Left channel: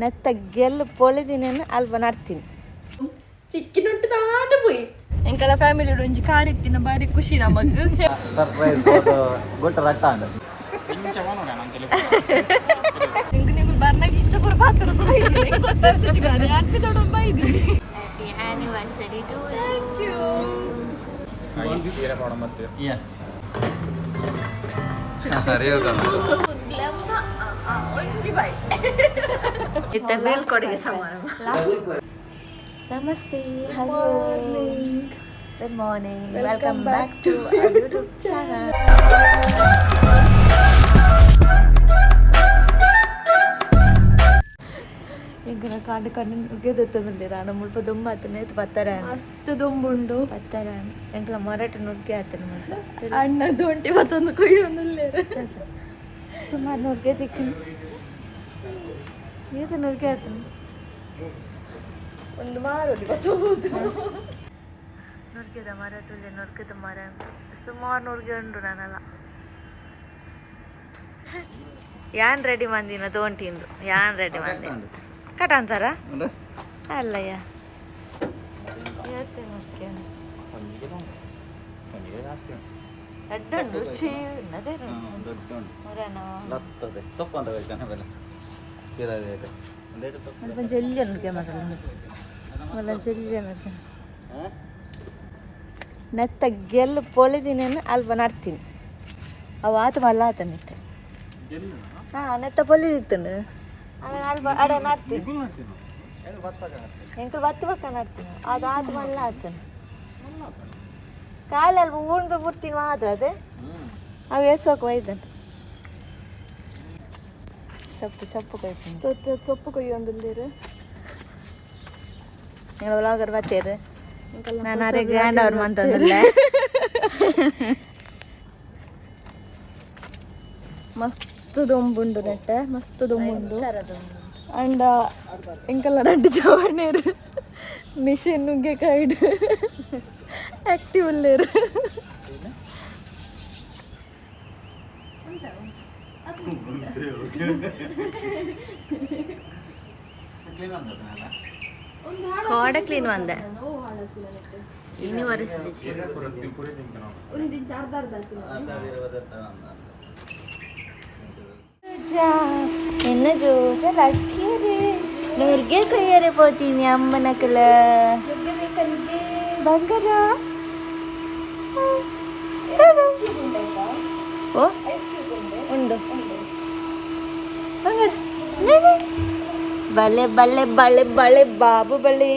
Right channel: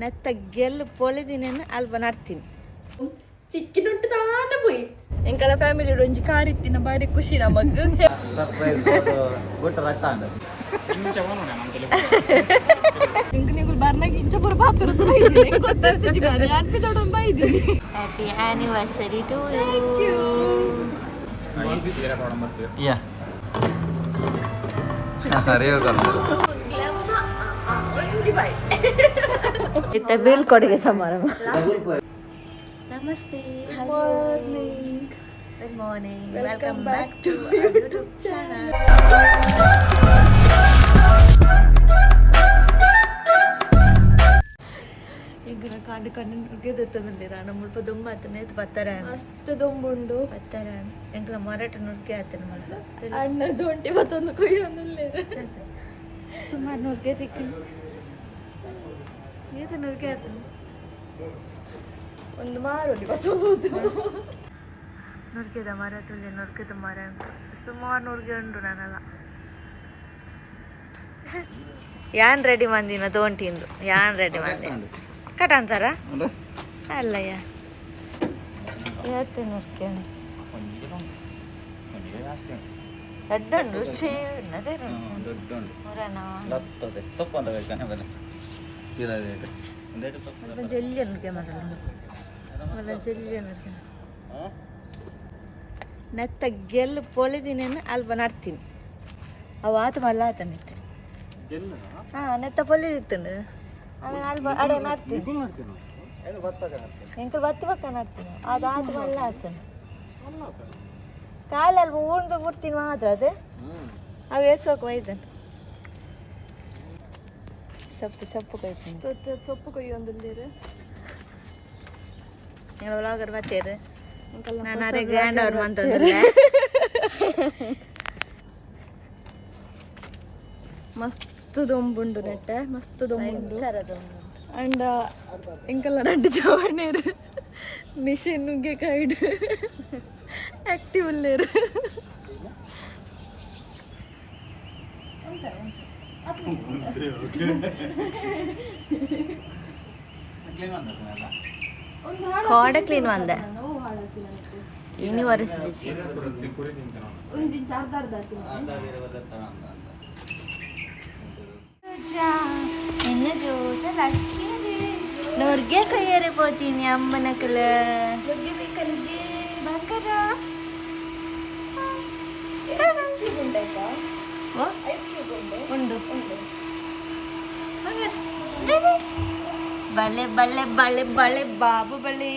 ನೆತ್ತ ಗೆಲ್ಲು ಪೊಲಿದಿನೇನು ಅಲ್ಪ ನರ್ತೀನಿ ಚಿಕ್ಕಿನುಟ್ಟು ತಾಟ ಪೋಯಿ ಎಂಕಲ ಫ್ಯಾಮಿಲಿ ಒಂಜಿ ಕಾರ್ ಇತ್ತಿನ ಬಾರಿ ಖುಷಿ ನಮಗ್ ಬರ್ನಾಗ ಇಂಚ ಪುರ ಪಾತ್ರ ಹ್ಯಾಪಿ ಆನಿವರ್ಸರಿ ಟು ಯು. ಇತ್ತ ಬೀಳ್ಕೊಡುಗೆ ಸಮಾರಂಭ. ನಮಸ್ತೆ, good morning, welcome back to YouTube channel. ಎಂಕನ ಕಾಂಡು ಕಣ್ಣು ನುಗ್ಗೆದತ್ತಂದಿರ ಮುಲ್ಪ ದುಂಬ ಆತನ ಪತ್ತರ ಮಸ್ತ್ ದುಂಬುಂಡು ಪತ್ತರ ಎಂಕಲ ಮೊರಟು ನುಗ್ಗೆ ಆತನ ಮುಲ್ಪ ಅಣ್ಣದು ಒಂಟಿ ಮತ್ತೊಂದು ಕೊಯ್ಯೊಂದು ಸುಮಾರು ನುಗ್ಗೆ ತಿಕ್ಕಂಡು ಈತ ನುಗ್ಗೆ ಆತನ ಒಂದು ಮಾರೋಡಿ ಬಚ್ಚಬಹುದು ನುರ್ಗೆದ ಮರ ತುಳ್ಳಿ ನುರ್ಗೆದ ಮರ ಸುಮಾರು ನುರ್ಗೆ ಉಂಡು ನಾನಲ್ಲ. ಯಾನ್ ರೆಡಿ ಮಂದಿನ ತೋಂಟಿಂದು ಯಾನ್ ರೆಡಿ ಮಂದಿ ಕಟ ಅಂತಾರ ಅಲ್ಲಯ್ಯ ಇವತ್ತು ನುರ್ಗೆ ಎಡ್ಡುಂಡು ರುಚಿ ಅದೇ ಜಲ್ಯ ನುರ್ಗೆ ಮರ ಜಲ್ಯ ನುರ್ಗೆ ನೆತ್ತ ಗೆಲ್ಲು ಪೊಲಿದಿನೇನು ಅಲ್ಪ ನರ್ತೀನಿ ಅವು ಆತ ಮಲ್ಲ ಆತ ನೆತ್ತ ನೆತ್ತ ಪೊಲಿದಿತ್ತಂಡು ಆಮೇಲೆ ಅಲ್ಪ ಅಡ ನಡ್ತೀನಿ ಎಂಕಲ್ ಬತ್ತಿ ಪಕ್ಕ ನಡ್ತೀನಿ ಅದು ಆತ ಮಲ್ಲ ಆತನು ಕಾಲು ಅಲ್ಪ ಉಂಡು ಮುಡ್ತೀನಿ ಮಾತ್ರ ಅದು ಅವು ಎಸ್ಬೇಕು ಒಯ್ದನು ಸೊಪ್ಪು ಕೊಯ್ತೀನಿ ಸೊಪ್ಪು ಕೊಯ್ಯೊಂದಿಲ್ಲೇರು നിങ്ങൾ വ്ളോഗർ പറ്റേര് ഞാൻ അറിയാണ്ട് അവർ വന്നതല്ലേ. ಮಸ್ತ್ ದೊಂಬುಂಡು ನೆಟ್ಟೆ ಮಸ್ತ್ ದೊಂಬುಂಡು ಅಂಡ ಎಂಕಲ್ಲ രണ്ട് ಚವಣೇರು ಮಿಷಿನ್ ನುಗ್ಗೆ ಕೈಡ್ ಆಕ್ಟಿವ್ ಉಲ್ಲೇರು കോട ക്ലീൻ വന്ന ഇനി വരച്ചു ಇನ್ನು ಜೋಜಲಾಕಿರಿ ನೋರ್ಗೆ ಕೈಯರೆ ಪೋತೀನಿ ಅಮ್ಮನಕಲ ಬಂಗಾರ ಓ ಉಂಡು ಬಂಗಾರ ಬಲೆ ಬಲೆ ಬಳೆ ಬಳೆ ಬಾಬು ಬಳೆ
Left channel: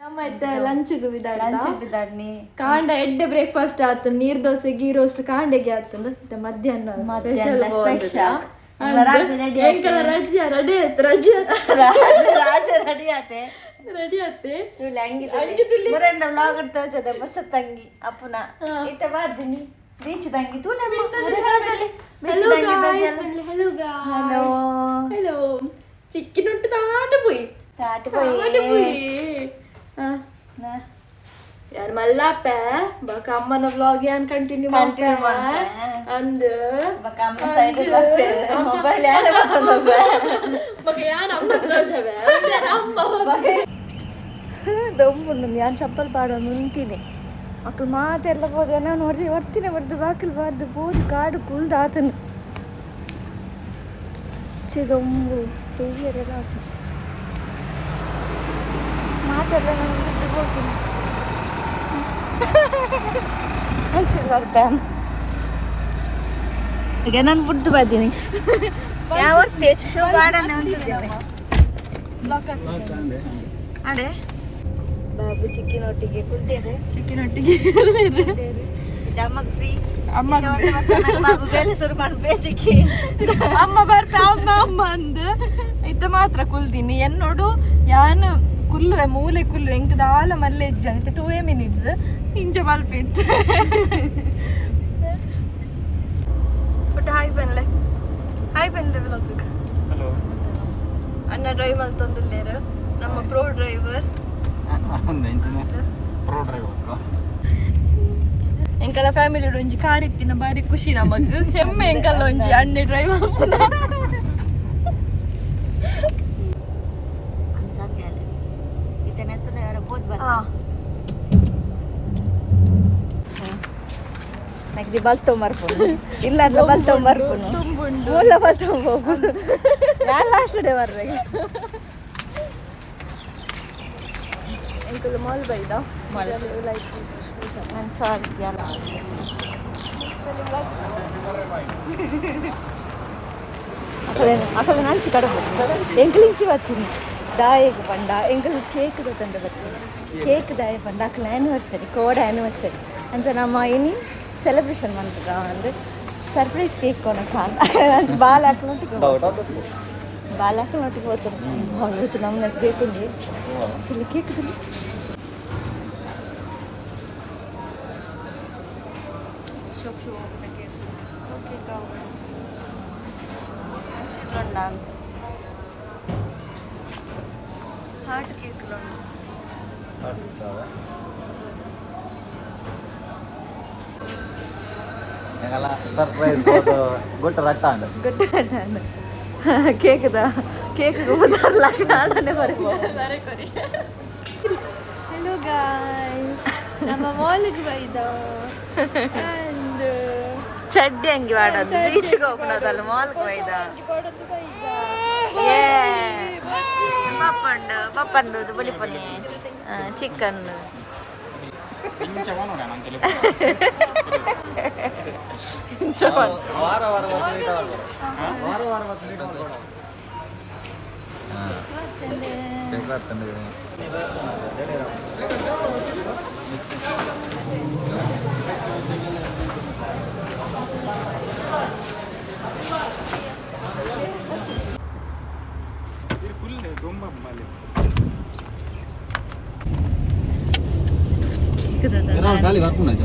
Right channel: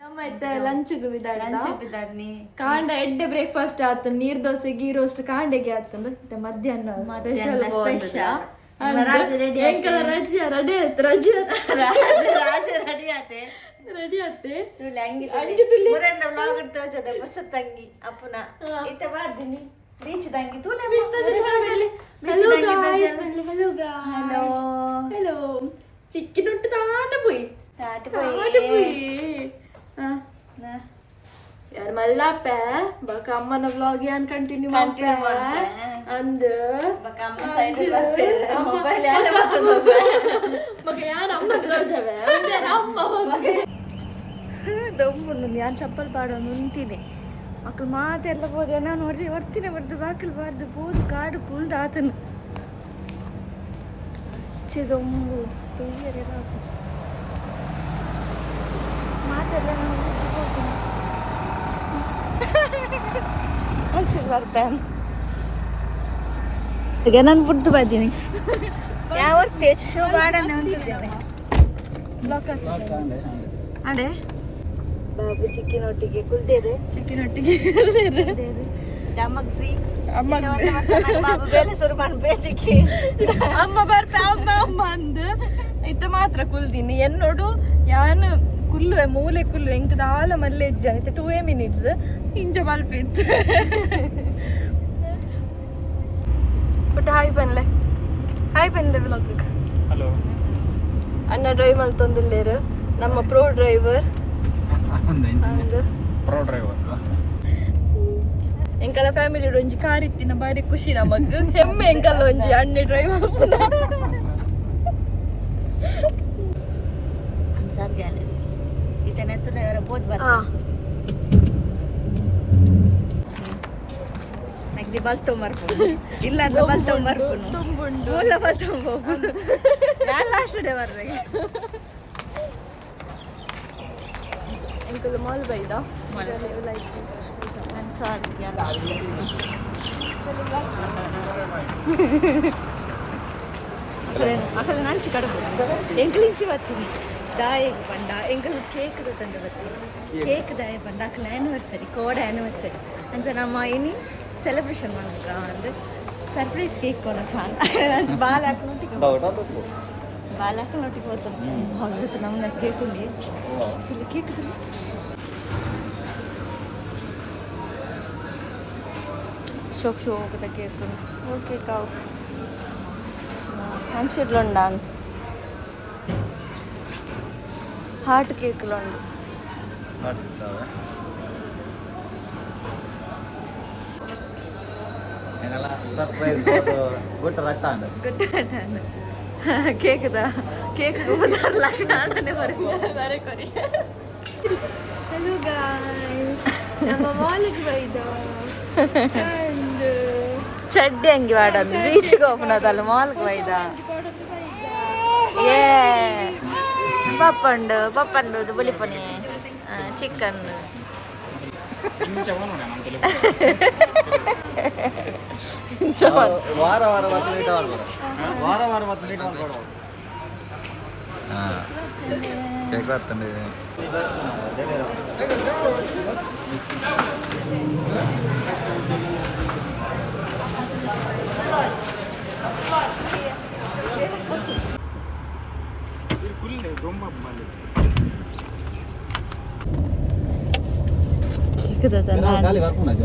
ನಮ್ಮ ಇದ್ದ ಲಂಚ್ಗೆ ಬಿದ್ದಾಡ್ನಿ ಕಾಂಡ ಎಡ್ಡೆ ಬ್ರೇಕ್ಫಾಸ್ಟ್ ಆತ ನೀರ್ ದೋಸೆ ಗೀ ರೋಸ್ಟ್ ಕಾಂಡೆಗೆ ಆತಂದ್ರೆ ಮತ್ತೆ ಮಧ್ಯಾಹ್ನ ಸ್ಪೆಷಲ್ ರಜೆ ರೆಡಿ ಆತೆ ಬಸ್ ತಂಗಿ ಅಪ್ಪುನ ಇತ್ತ ಬಾರ್ದಿನಿ ಬೀಚ್ ತಂಗಿ ತೂ hello guys hello guys hello ಚಿಕ್ಕಿನುಟ್ಟು ತಾಟ ಪೋಯಿ ಯಾರು ಮಲ್ಲಾಪ ಬಕ ಅಮ್ಮನ ವ್ಲಾಗ್ ಏನ್ ಕಂಟಿನ್ಯೂ ಅಂದ ದೊಂಬುಂಡು ಯಾನ್ ಚಪ್ಪಲ್ ಪಾಡೋದು ಉಂತೀನಿ ಮಕ್ಕಳು ಮಾತೆಲ್ಲ ಹೋದ ನಾವು ನೋಡ್ರಿ ಹೊರ್ತಿನ ಬರ್ದು ಬಾಕಲ್ ಬಾರ್ದು ಬೋದು ಕಾಡು ಕುಲ್ದು ಆತನು ಚಿದೊಂಬು ತುಯ್ಯರೆಲ್ಲ ಆಫೀಸ್ ಮಾತೆಲ್ಲ ನಾನು ಬಿಟ್ಟು ಹೋಗ್ತೀನಿ ಅನ್ಸಿಲ್ ಬರ್ತಾನೆ ಈಗ ನಾನು ಬಿಟ್ಟು ಬರ್ತೀನಿ ಯಾವ ಬಾಡನೆ ಉಂಟಿದ್ದೇನೆ ಅದೇ ಬಾಬು ಚಿಕ್ಕಿನೊಟ್ಟಿಗೆ ಕುಲ್ತೇವೆ ಅಮ್ಮಗೆ ಫ್ರೀ ಬಾಬು ಬೇಲೆ ಶುರು ಮಾಡ್ಬೇಚಿಕ್ಕಿ ಅಮ್ಮ ಬರ್ಪೆ ಅಮ್ಮ ಅಮ್ಮ ಅಂದ ಇತ್ತ ಮಾತ್ರ ಕುಲ್ದೀನಿ ಎನ್ನೋಡು ಯಾನು ಕುಲ್ಲುವೆ ಮೂಲೆ ಕುಲ್ಲು ಇಂಕ ದಾಲ ಮಲ್ಲೆ ಇಜ್ಜ ಇತ್ತ 2 ಮಿನಿಟ್ಸ್ ಇಂಚ ಮಲ್ಪಿತ್ತು ಬಟ್ ಹಾಯ್ ಬಂದ್ಲೆ ವ್ಲಾಗ್ ಹಲೋ ಅಣ್ಣ ಡ್ರೈವ್ ಮಲ್ತೊಂದಿಲ್ಲೇರು ನಮ್ಮ ಪ್ರೋ ಡ್ರೈವರ್ ಎಂಕಲ ಫ್ಯಾಮಿಲಿ ಒಂಜಿ ಕಾರ್ ಇತ್ತಿನ ಬಾರಿ ಖುಷಿ ನಮಗ್ ಹೆಮ್ಮೆ ಎಂಕಲ್ಲ ಒಂಜಿ ಅಣ್ಣೆ ಡ್ರೈವ್ ಓದ್ ಬರ್ತೀನಿ ನೆಕ್ದಿ ಬಲ್ತೊ ಮರ್ಪುನು ಇಲ್ಲ ಅಲ್ಲ ಬಲ್ತೊ ಮರ್ಪುನು ತುಂಬುಂಡು ಮೂಲ ಬಲ್ತೊ ಹೋಗ್ಬಿಡು ಯಾರು ಲಾಸ್ಟ್ ಡೇ ಬರ್ಬೇಕು ಎಂಕುಲು ಮಾಲ್ ಬೈದ ಮಾಲ್. ಲೈಕ್ ನಾನು ಸಾರಿ ಯಾರು ಅಕಲೆ ನಂಚಿ ಕಡಬಹುದು ಎಂಕಲಿಂಚಿ ಬರ್ತೀನಿ ದಾಯಿಗೆ ಬಂಡ ಎಂಕಲ್ ಕೇಕ್ ತಂದು ಬರ್ತೀನಿ ಕೇಕ್ ದಾಯಿ ಬಂಡ ಅಕಲ ಆ್ಯನಿವರ್ಸರಿ ಕೋಡ್ ಆ್ಯನಿವರ್ಸರಿ ಅಂಚ ನಮ್ಮ ಇನಿ ಸೆಲೆಬ್ರೇಷನ್ ಮಾಡ್ಬೇಕ ಅಂದರೆ ಸರ್ಪ್ರೈಸ್ ಕೇಕ್ ಕೊನಕ ಅಂತ ಬಾಲ್ ಹಾಕೊಂಡೊಟ್ಟಿಗೆ ಬಾಲ್ ಹಾಕೊಂಡೊಟ್ಟಿಗೆ ಹೋಗ್ತಾನೆ ಇವತ್ತು ನಮ್ಮನ್ನ ಕೇಕ್ ಉಂಡಿ ಕೇಕ್ ತುಳಿ ಶೋಕ್ ಶೋಕದ ಕೇಕ್ ಉಂಡು ಓಕೆ ಕಾವು మంచిట్లుండా హాట్ కేకులు ఉండు గుట్ట రట్టాండు కేకుదా కేక్ అలానే మరి ಹಲೋ ಗಾಯ್ಸ್ ನಮ್ಮ ಮಾಲಿಗೆ ಬೈದ ಚಡ್ಡಿ ಅಂಗಿ ವಾಡಂದು ಬೀಚ್ಗೆ ಹೋಗ್ನದಲ್ಲ ಮಾಲ್ಗೆ ಒಯ್ದ ಏ ಪಪ್ಪಂಡು ಬುಲಿಪಣಿ ಚಿಕನ್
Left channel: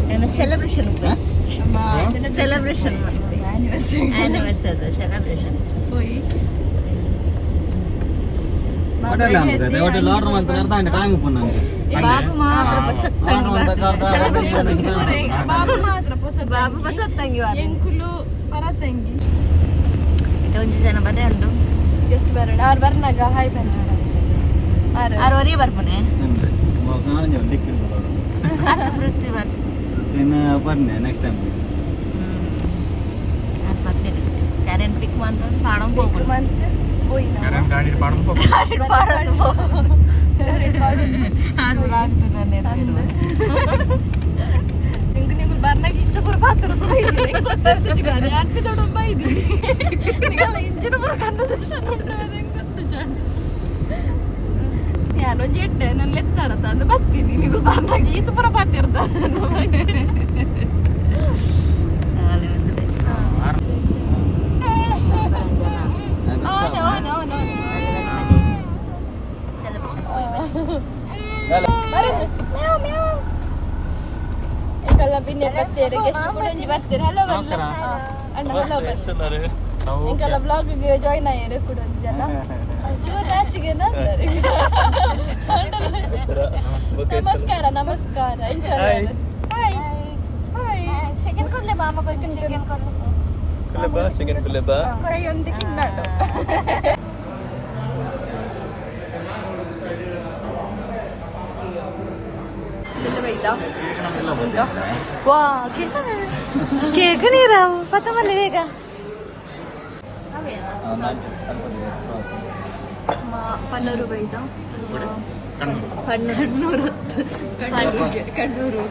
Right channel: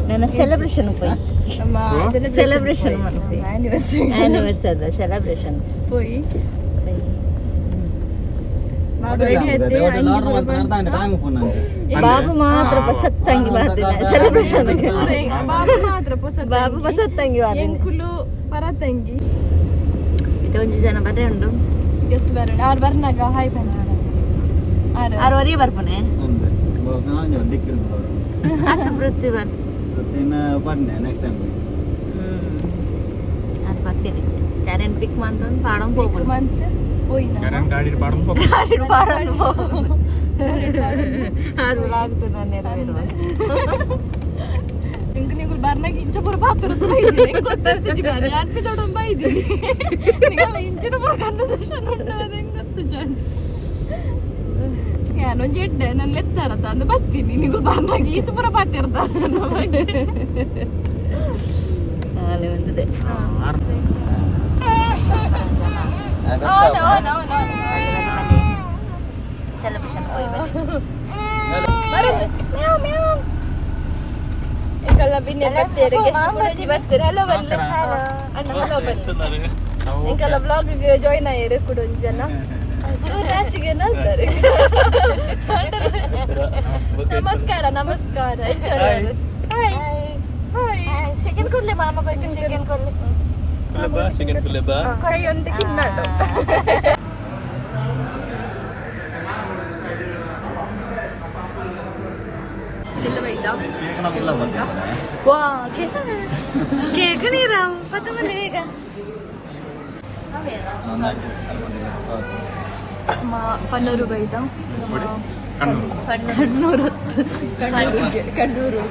నేను సెలబ్రేషన్ పోయి సెలబ్రేషన్ యానివర్సరీ సెలబ్రేషన్ పోయి ಬಾಬು ಮಾತ್ರ ಸತ್ತಂಗಿ ಬಾತಿನ ಸೆಲೆಬ್ರೇಷನ್ ಬಾಬು ಮಾತ್ರ ಬಾಬು ಸತ್ತಂಗಿ ಎಂಕುಲು ಪರತಂಗಿ ಇದೊಂದು ಜನ ಬರೇ ಉಂಡು ಎಷ್ಟು ಬರೋಣ ಆರು ಬರ್ನಾಗ ಹಾಯ್ ಬನ್ನಿ 6:30 ಬರ್ಬನೆ ವೃತ್ತಿ ಬರ್ನೆ ನೆಕ್ಸ್ಟ್ ಟೈಮ್ ಅದು ಬರ್ತೀನಿ ಕರೆಂಟ್ ಬಿಕ್ ಮಂತಂದು ಪಾಡಂ ಹೋಗ್ಬೋದು ಮತ್ತೆ ಹೋಯ್ತಾ ಗಾಡಿ ಪಾಡಂ ಅದು ಆಗ್ತದೆ ನಾನು ಇಂಕ ನೀವು ಬರ್ನಾಗ ಇಂಚ ಬರ ಪಾತ್ರ ಗೊತ್ತಲ್ತಿ ಗಾಡಿ ಅರ್ಪಿ ದೊಡ್ಡ ಬೈದೀನಿ ನೀವೆಲ್ಲ ಇಂಚಿನ ಬರ ಕನ್ನ ದರ್ಶನ ಉಂಟು ಹೆಂಗೆ ಗೊತ್ತು ಜಾಣ ಯಾರೊಂದು ಎಡ್ಡೆ ನನ್ನ ಎತ್ತಾರತ್ತ ಅಂದು ಬರ್ತೀನಿ ನೀವು ಬರ್ನಾಗ ಈತ ಬರ ಪಾತಿರ್ದ ಅಲ್ಲಿ ಉಂಟಿದೆ ಸೆಲೆಬ್ರೇಷನ್ ಹೋಗಿ ಕಲ್ಲ ಬಿನ್ನೆ ಬರ್ತೀರಿ ಗೆಸ್ಟ್ ಪುಣಜಿ ಬರ್ತೀರಿ ಹಲೋ ಅಣ್ಣ ಹಲೋ ಇಂಕಲ್ಲ ಬ್ಲಾಗಿಗೆ ಜಾಯ್ನ್ ಆಯ್ರಿ ಕುಡೊಂದು ಜನ ಚೂರು ರಾಚಿಗೆನ ಅಂತಾರೆ ನಮಸ್ಕಾರ ನಮಸ್ಕಾರ ಎಂಜಾಯ್ ಸೆಕೆಂಡ್ ಕೊಡ್ಲೆ ಮಾಮ ಬರ್ತೀನಿ ಸೆಕೆಂಡ್ ಕೊಡ್ಲೆ ಕುಲೆಬಾ ಸೆಕೆಂಡ್ ಕುಲೆಬಾ ಕೈಯೊಂದು ಕಿನ್ನಾಡು ಇಲ್ಲ ಬೈದಾ ವಾ ಕೇಕ್ ನೀರಾವು ಪತ್ತ ಮಲ್ಲಿ ಹೇಗ ಪನ್ನೂರು ಬೈದಾ ಕಣ್ಣೂರು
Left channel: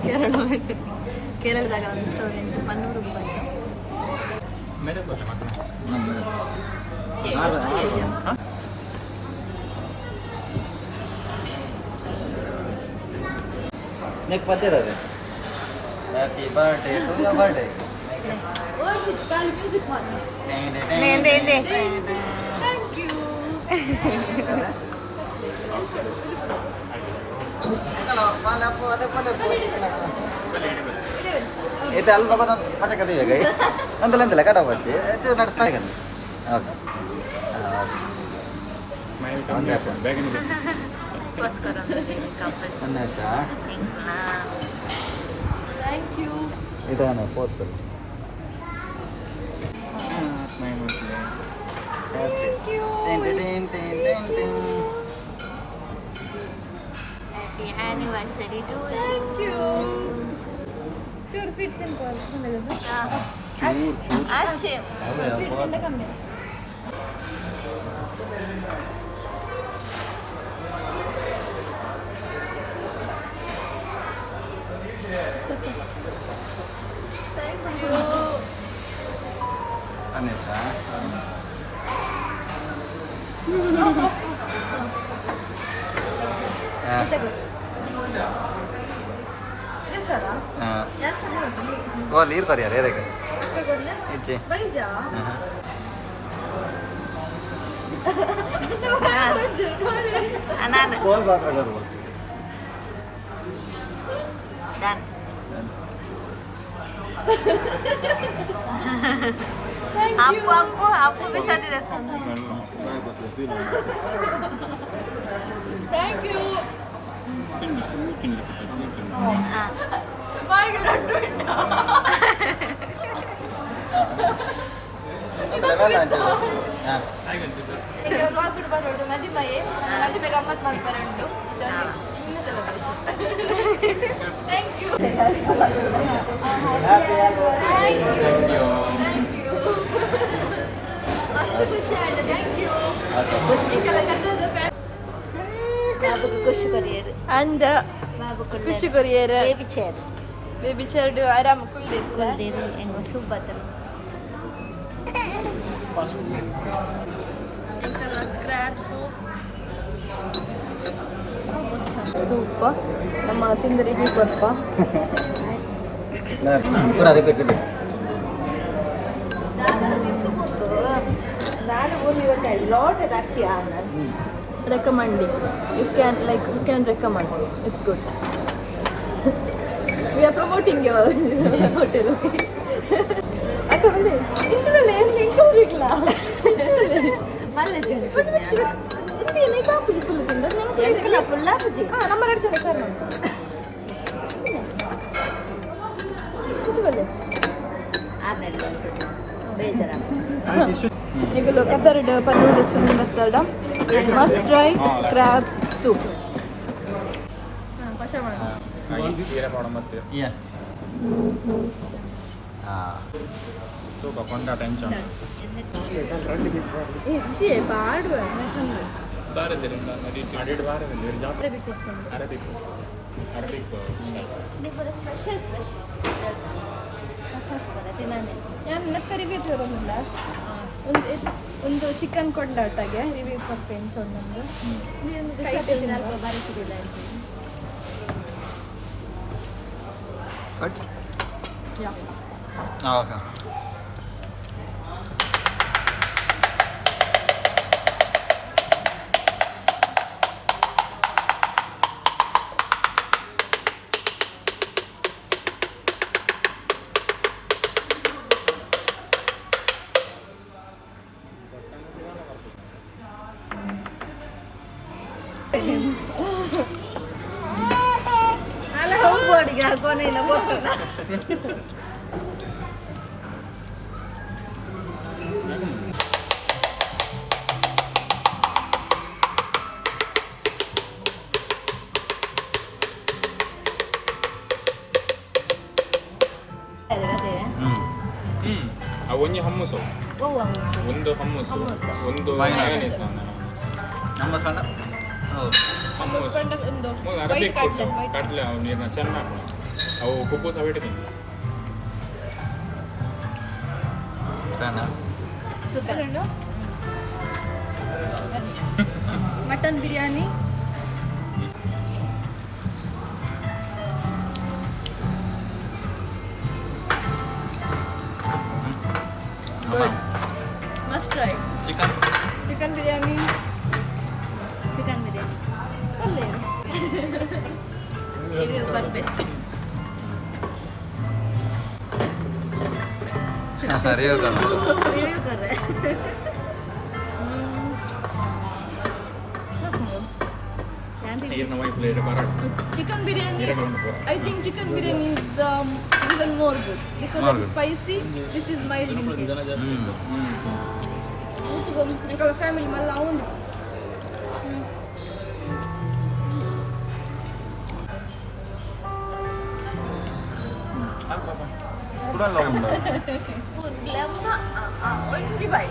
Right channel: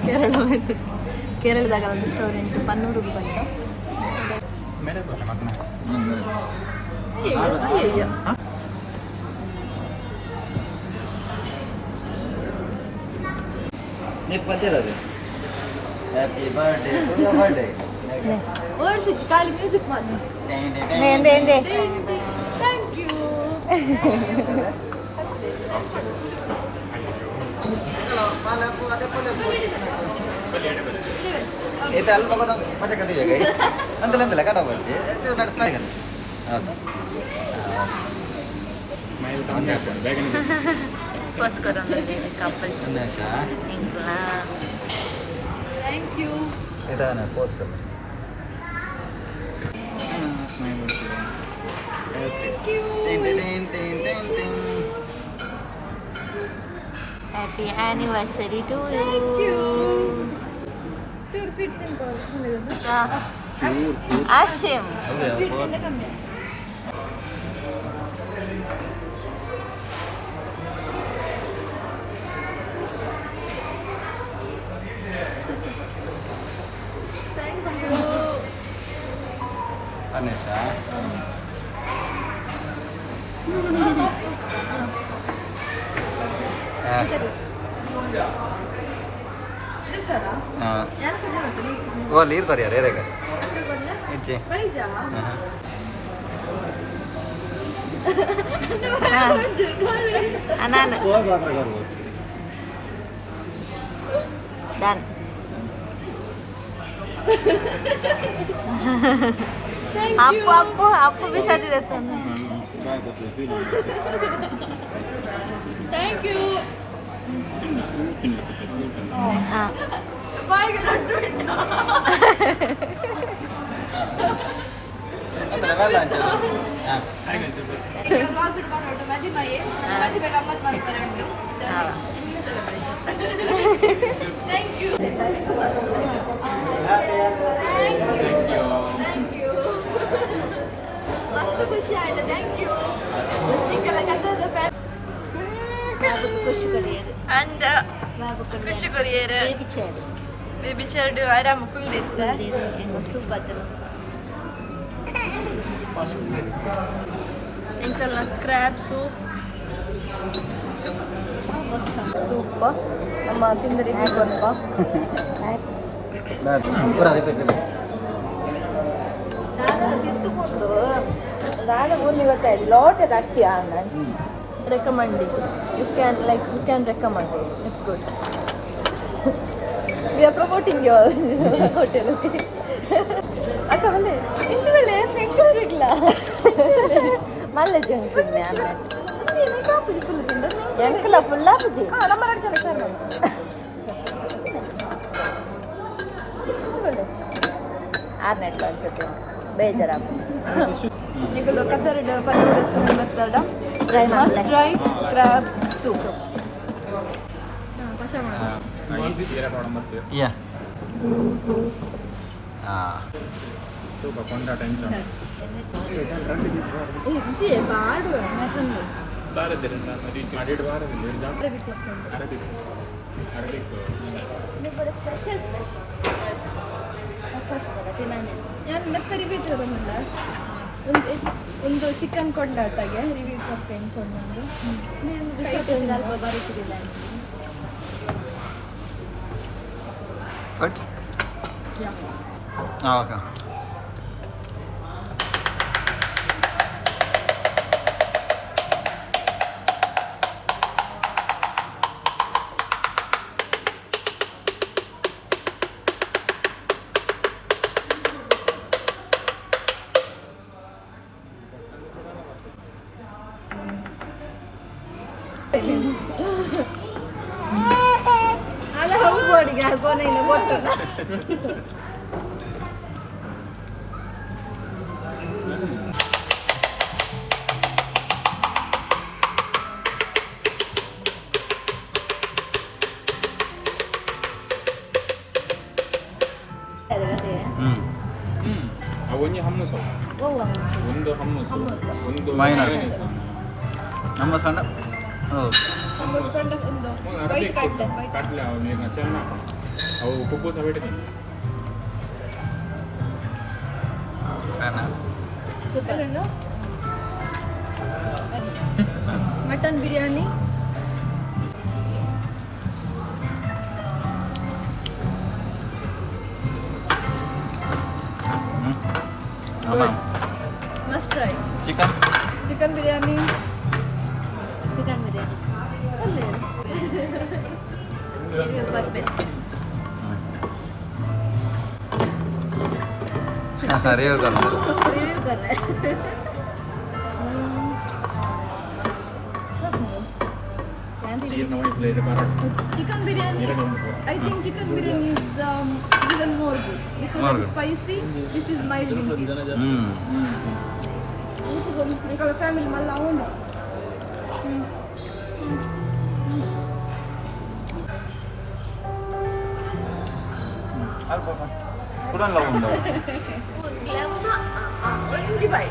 ಕೇರಳದಾಗ ಒಂದು ರೆಸ್ಟೋರೆಂಟ್ ಪನ್ನೂರು ಬೈದಾ మీకు పద్ధతి అది happy birthday to your birthday words ಇಚ್ ಕಾಲಿ ಮ್ಯೂಸಿಕ್ ಮಾಡು ನೇಂದೆ ಥ್ಯಾಂಕ್ ಯು ಇದು ಅಲ್ಪ ಮಜಾ ಕದಿವೆ ಗೈ ನಂದಲ್ಲ ಕಟ ಬರ್ತಿ ಸ್ಮೈಲ್ ಓಕೆ ಸ್ಮೈಲ್ ಕಮ್ಮಿ ಆಗ್ತದೆ ಬೇಗನೆ ಫಸ್ಟ್ ಕರೋನಾ ಕಪಲ್ಸ್ ಇಂಕ್ಲಾ ಥ್ಯಾಂಕ್ ಯು ಇದಾನೆ post smile happy anniversary to you. ಚೂರು ಸ್ವೀಟ್ ತಿನ್ಕೊಳ್ಳಿ. ಆಶಿಮ್ ಸ್ವೀಟ್ ತಿಂದ ಕಮ್ಮಿ. Vanessa. ಓ ನೀರು ಕರಿಯಾರ ಏರೇಗ ಇಚ್ಚಿ ನಾನು ಡನ್. ಅಪ್ಪು ಅಪ್ಪು ಅಪ್ಪು ಬಿಸಾಡಿದೆ ತಂದು. Thank you. ಮದಿಮೆ ಗಮ್ಮತ್ ಮಾಡ್ತಾರೆ ಉಂಟು. ಮಸ್ತ್ ಖುಷಿ ಆಯ್ತು. Thank you. ಖುಷಿ ಕೊರಿಯರು ಅಂದ ಖುಷಿ ಕೊರಿಯರ್ ಬೇಬಿ ಚೇರ್ ಬೇಬಿ ಚರ್ಡು ಆರಾಮ ಕುಳ್ಳಿರ್ತ ಎಂಕಲ್ನ ಕ್ರ್ಯಾಬ್ ಸೂಪ್ ನಮ್ಮ ತಿಂದರಿಗೆ ಸ್ವಲ್ಪ ಪೂರ ರಿಪೀಟ್ ನಾನು ಭೂಮಿ ಗೊತ್ತಾಯ್ತು ಲೋಟದ ಅಟ್ಟಿ ಆಮೇಲೆ recommending. You can recommend. It's good. We are promoting your hotel. Okay. ಅಕ್ಕ ಬಂದೆ ಇಂಚು ಮೇಲೆ ಏನು ಎಂಕರಿಗ್ಲ ಮಲ್ಲಜಿ ಒಂದೇನೇ ಕಾಪುಜಿ ಫುಲ್ ತಿಂದ ಎಂಕಲ ಫುಲ್ಲ ಪೂಜಿ ನಮ್ಮ 2 ಜನ ಸರ್ ನಮ್ಮ ಇಂಚು ಮೇಲೆ 6 ಬೇಜಾರ ಈಗ ಲೋಕದರ್ಡ್ ಪನ್ನೂರು ರೆಸ್ಟೋರೆಂಟ್ ಬರ್ತಾರ ಮಸ್ಟ್ ಟ್ರೈ ಕ್ರ್ಯಾಬ್ ಸೂಪ್ ಪಶ ಮಾಡ ಯಾ ತೂಕ ಕೊಂಡಾಟ ಎಂಚ ಇಜ್ಜಿ ಬಾಡುವ ಸ್ಪೆಷಲ್ ನಕ್ಕ ರಿವ್ಯೂ ತೋರಲಿಲ್ಲ ಒಂದು ಚಿಕನ್ ಕೊಂಡಾಟಗೆ ರಿವ್ಯೂ ಕೊಟ್ಟೆ ಎಂಚೊಂದು ಬರೀತಿಲ್ಲ ಬಟ್ ಓಕೆ ಅಲ್ಲ ಹೋಗ್ಬೋಡಿಗೆ ಕೊನೆಯಿಂದ ಕೊಟ್ಟು ಒಂಜಿ ಹಮ್ಮಸು ಒಂದು ಹಮ್ಮಸು ಒಂದು ಮೈನಸ್. ನಮ್ಮ ಸಣ್ಣ ಅರಬಿಕ್ ಕಡಲೆ ಅವು ನೀರಿನ ಚೆನ್ನಾಗಿ ಅವು ಕುಬ್ಬು ಸಹ ಬಿಟ್ಟಿದ್ದೀನಿ mutton biryani must try chicken chicken biryani chicken biryani ಅಲ್ಲೇ ಬರ್ಬೇಕು ರಿವ್ಯೂ ಕರ್ನ ರಿವ್ಯೂ ಕರ್ರೆ ನೀರಿನ ಒಂದು ಪ್ಲೇಟ್ ಬರೋದು chicken biryani. I think chicken biryani is even more good because More it's good. spicy. This is mild in taste. Because family malla ಒಂದು ಪುರಲ್ಲ ಉಂಟು ಒಂಜಿ ಬಾಯ್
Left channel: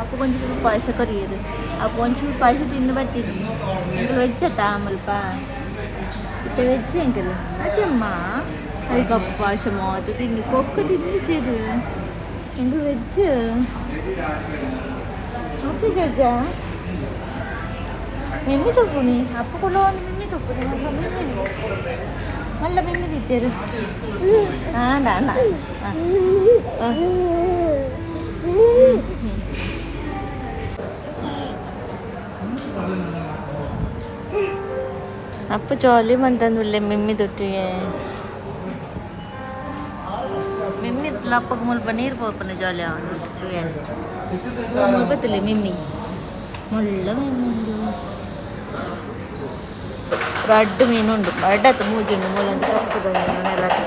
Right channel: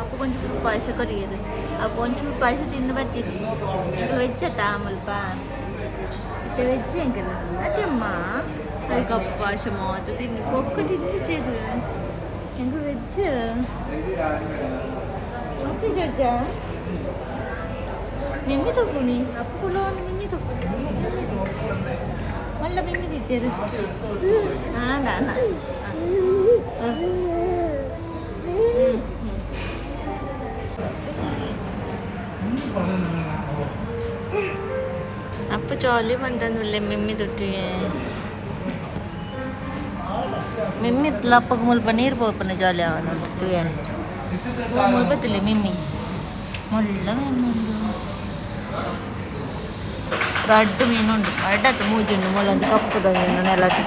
ಅಪ್ಪ ಒಂಚೂರು ಪಾಯಸ ಕರಿಯೋದು ಅಪ್ಪ ಒಂಚೂರು ಪಾಯಸ ತಿಂದು ಬರ್ತೀನಿ ಎಂಕಲ್ ವೆಜ್ಜತ್ತಾ ಮುಲ್ಪ ಇತ್ತ ವೆಜ್ ಎಂಕಲ್ ಅದೇಮ್ಮ ಅದಕ್ಕೆ ಅಪ್ಪ ಪಾಯಸ ಮಾತು ತಿನ್ನಿ ಕೊಕ್ಕ ತಿಂದು ಚೇರು ಎಂಕಲ್ ವೆಜ್ ಓಕೆ ಜಜ್ಜ ಮೆಮ್ಮಿ ತಗೊನಿ ಅಪ್ಪ ಕೊಡೋ ಒಂದು ಮೆಮ್ಮಿ ತಗೊನಿ ಮಲ್ಲ ಮೆಮ್ಮಿ ತಿತ್ತೇರು ಹಾಂ ಅಪ್ಪ ಜಾಲಿ ಬಂತಂದುಲ್ಲೆ ಮೆಮ್ಮಿ ತೊಟ್ಟಿಗೆ ಮೆಮ್ಮಿ ಅಪ್ಪಗೆ ಮುಲ್ಪ ನೀರು ಪೋಪನ ಜಾಲಿ ಅವನುಂಟು ತುಯನ್ ಮುಲ್ಪತ್ತಿಲ್ಲ ಮೆಮ್ಮಿ ಮುಳ್ಳ ಮೀನುಂಡು ರಡ್ಡು ಮೀನುಂಡು ಅಡ್ಡತ್ತು ಮೂಜುಂಡು ಮುಳ್ಳಂದು ಕಪ್ಪುದ ಮೀನು ನೆಲಟ್ಟು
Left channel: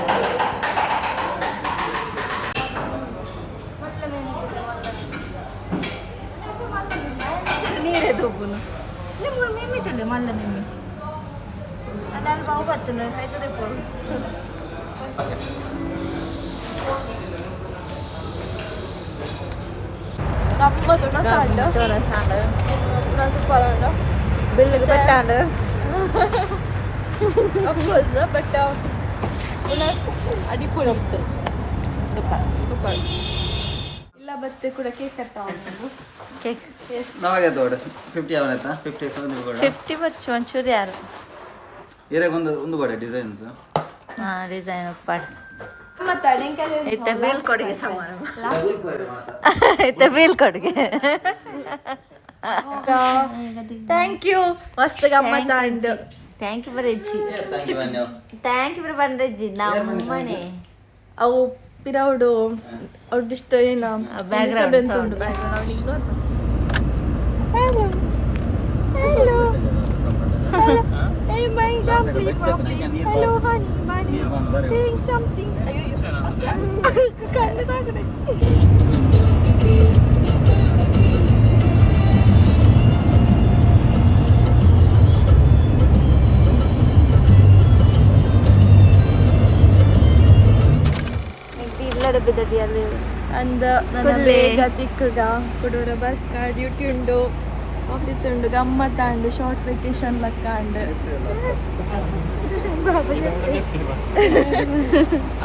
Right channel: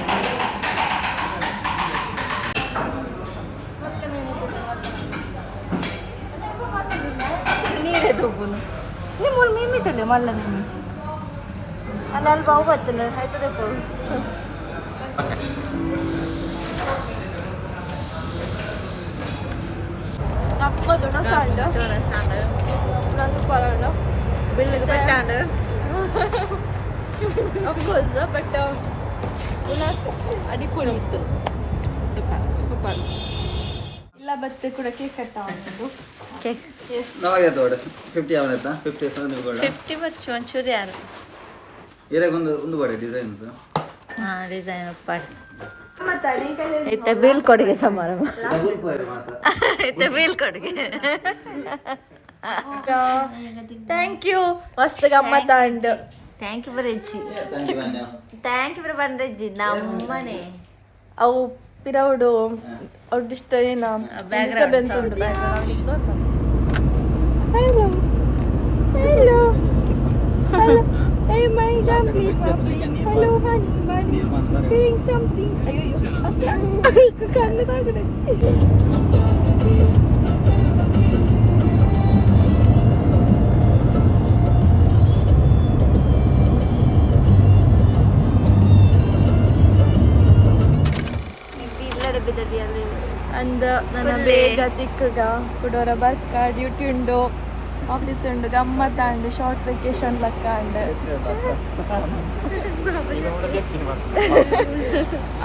ನೀರೇ ತೂಪುನು ನಿಮ್ಮ ಮಿಮ್ಮಿ ತೊಲೆ ಮಲ್ಲ ಮಿಮ್ಮಿ ಅಲ್ಲಿ ಬಾವು ಬರ್ತದೆ ಆಯ್ತದೆ ಪೋರು ಗಮ್ಮತ್ತು ಸಾಂಡು ಸೂಪರ್ ಬಿಲ್ಲಿಗೆ ಬೆಟ್ಟಾಂಡು ಅಫ್ಕೋರ್ಸ್ ಬಟ್ ಉನಾಸ್ ಅಡಿಪೊಳಿ ಇತ್ತು ಸೂಪರ್ ಇಲ್ಲ ಬತ್ತೆ ಕೂಡ ಕೇಕ್ ಕಟ್ಟ ಅವನದು ಕೇಕ್ ನಾವಾಗೆ ತೋಡು 50 ಅವನೈತಾ 50 ಸೌಂಡ್ ಕೊಡ 50 ಬಚ್ಚು ಒಂಚೂರು ಯಾರು ಒಂದು ಕೊಡ ಡಿಸೈನ್ಸ್ ಹಾಂ ಡಿಸೈನ್ ಉಪ್ಪಾರು ಇತ್ತ ಬೀಳ್ಕೊಡುಗೆ ಸಮಾರಂಭ ಇತ್ತ ಬೀಳ್ಕೊಡುಗೆ ಥ್ಯಾಂಕ್ ಯು ಮಸ್ತ್ ಗಮ್ಮತ್ತ ಅಂಡ್ ಥ್ಯಾಂಕ್ ಯು ಬರಜ್ಜಿ ಥ್ಯಾಂಕ್ ಯು ಬಂದ್ರಜ್ಜಿ ನಮ್ಮನೆ ಅವು ಪಿರೌಡು ಅವ್ರದಿಷ್ಟ ಏನ ಡಿಸ್ಟರ್ಬೆನ್ಸ್ ಉಂಟು ಬ್ಯಾಕ್ಗ್ರೌಂಡ್ ಅವನು ಇಗ್ನೋರ್ ಮಾಡಿ hello hello Hey my dumply puppy, hello honey bunny, feeling something. ಅಯ್ಯೋ ಕಣ್ಣು ತಾಗಡೆ ಇಲ್ಲಡೆ ಬಿದ್ದಡಿ ಅಲ್ಲಿ ಅಂದ ನನ್ನ ಬೇಗ ತಿಕ್ಕಗ ಕೊಡೋರ ಬರ್ಕ ಡ್ಯೂಟಿ ಉಂಡು ಆಫೀಸ್ ಉಂಡು ಗಮ್ಮತ್ತ ಉಂಡು ಶಾರ್ಟ್ ವೆಕೇಶನ್ ಲಕ್ಕ ಉಂಡು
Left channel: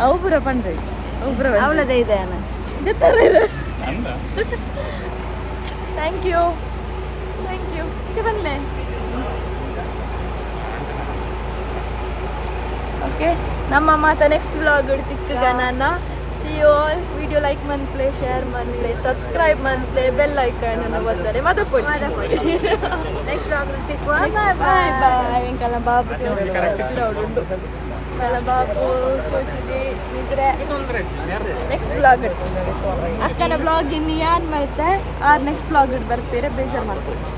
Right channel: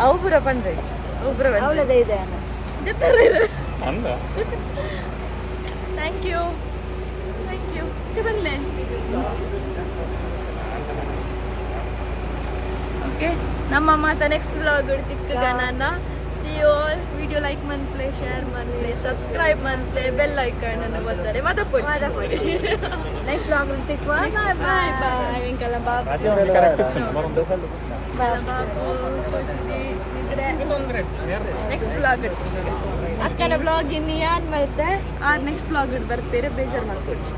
ಅವು ಪೂರ ಪಂಡ್ರೆ ಅವು ಪೂರ ಅವಳದೇ ಇದೆ ಥ್ಯಾಂಕ್ ಯು ಬನ್ಲೆ ಓಕೆ ನಮ್ಮ ಮಾತ ನೆಕ್ಸ್ಟ್ ವ್ಲಾಗ್ ತಿಕ್ಕಗ ನಾನು see you all video like ಮನ್ಪ್ಲೆ ಶೇರ್ ಮನ್ಪ್ಲೆ ಸಬ್ಸ್ಕ್ರೈಬ್ ಮನ್ಪ್ಲೆ ಬೆಲ್ ಐಕಾನ್ ಅನ್ನು ಒತ್ತಾರೆ ಮದಪೊಡಿ ನೆಕ್ಸ್ಟ್ ವ್ಲಾಗ್ ತಿಕ್ಕುವ ಬಾಯ್ ಬಾಯ್ ಇಂಕಲ್ಲ ಬಾಬು ಬಾಬು ಚೋಚಿದೆ ನಿದ್ರೆ ನೆಕ್ಸ್ಟ್ ವ್ಲಾಗ್ ಅಕ್ಕನ ವ್ಲಾಗ್ ಇನ್ನು ಯಾನ್ ಮಲ್ತೆ ನೆಕ್ಸ್ಟ್ ವ್ಲಾಗ್ ಬರ್ತೀರ ಬೇಜಾರು ಮಾಡ್ಕೊಡ್ಸಿ